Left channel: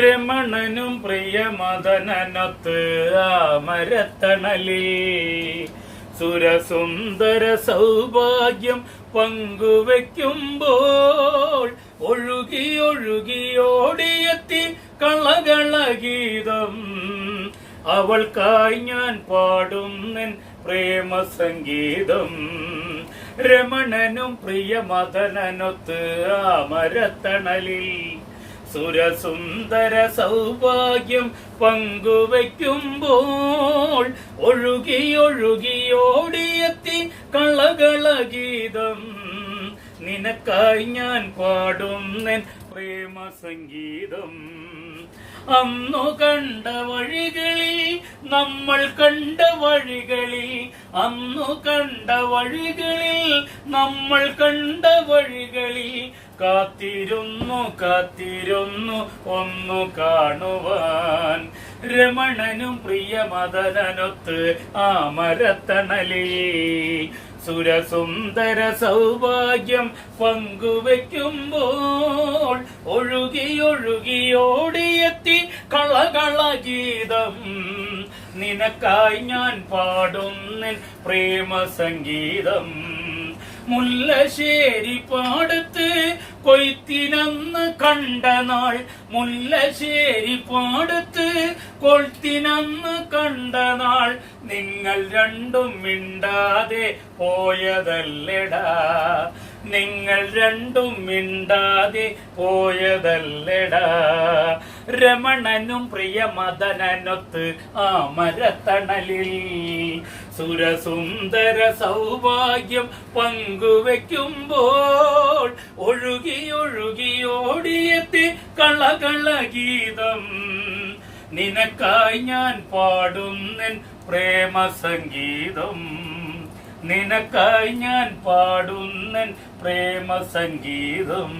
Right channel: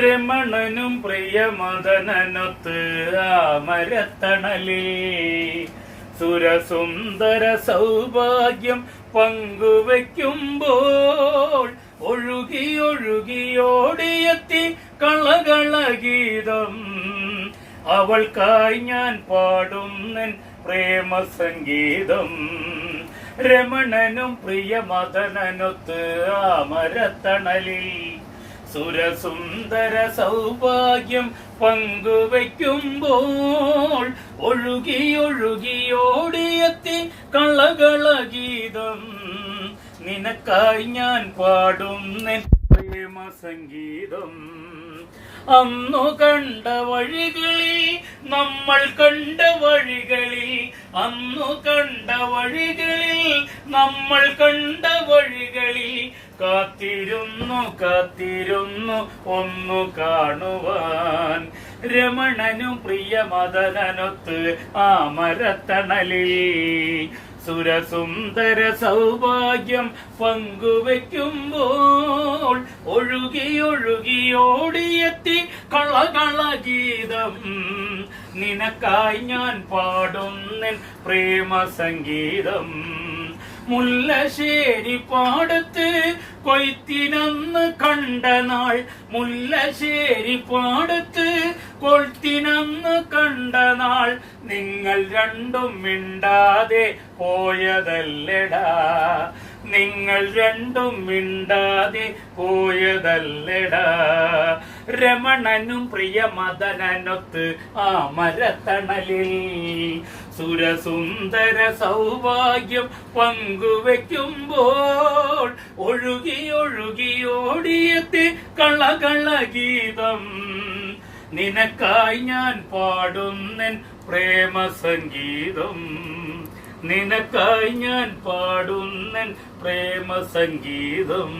രമണനും പ്രിയമദനനൊത്ത് ആമരത്തണലേ സുരസുന്ദര സൗഭാഗ്യം പങ്കുവയ്ക്കുമ്പോൾ ഒഴുകി ഒഴുകിയോടിയെത്തി കളകളഗീതം അവൾക്കായി ഞാൻ പാടുന്നൻ പ്രേമസംഗീതം. രമണനും പ്രിയമദനനൊത്ത് ആമരത്തണലിൽ സുരസുന്ദര സൗഭാഗ്യം പങ്കുവയ്ക്കുമ്പോൾ ഒഴുകി ഒഴുകിയോടിയെത്തി കളകളഗീതം നിനക്കായി ഞാൻ പാടുന്നൻ പ്രേമസംഗീതം. അന്നു കണ്ട വഴികളിൽ നമ്മൾ കണ്ട വഴികളിൽ അന്നു കണ്ട വഴികളിൽ നമ്മൾ കണ്ട വഴികളിൽ കാത്തിരുന്നു കാത്തിരുന്നു ഒന്നു കാണുവാൻ രമണനും പ്രിയമദനനൊത്ത് ആമരത്തണലിൽ സുരസുന്ദര സൗഭാഗ്യം പങ്കുവയ്ക്കുമ്പോൾ ഒഴുകി ഒഴുകിയോടിയെത്തി കളകളഗീതം നിനക്കായി ഞാൻ പാടുന്നൻ പ്രേമസംഗീതം. മുല്ലശ്ശേരി പാടത്ത് കൊയ്ത്തിനന്ന് കണ്ട നാൾ മുല്ലശ്ശേരി പാടത്ത് കൊയ്ത്തിനന്ന് കണ്ട നാൾ നിങ്ങൾ രണ്ടും മിണ്ടാതെ പോയതല്ലടാ നിങ്ങൾ രണ്ടും മിണ്ടാതെ പോയതല്ലടാ. രമണനും പ്രിയമദനനൊത്ത് ആമരത്തണലിൽ സുരസുന്ദര സൗഭാഗ്യം പങ്കുവയ്ക്കുമ്പോൾ ഒഴുകി ഒഴുകിയോടിയെത്തി കളകളഗീതം നിനക്കായി ഞാൻ പാടുന്നൻ പ്രേമസംഗീതം നിനക്കായി ഞാൻ പാടുന്നൻ പ്രേമസംഗീതം.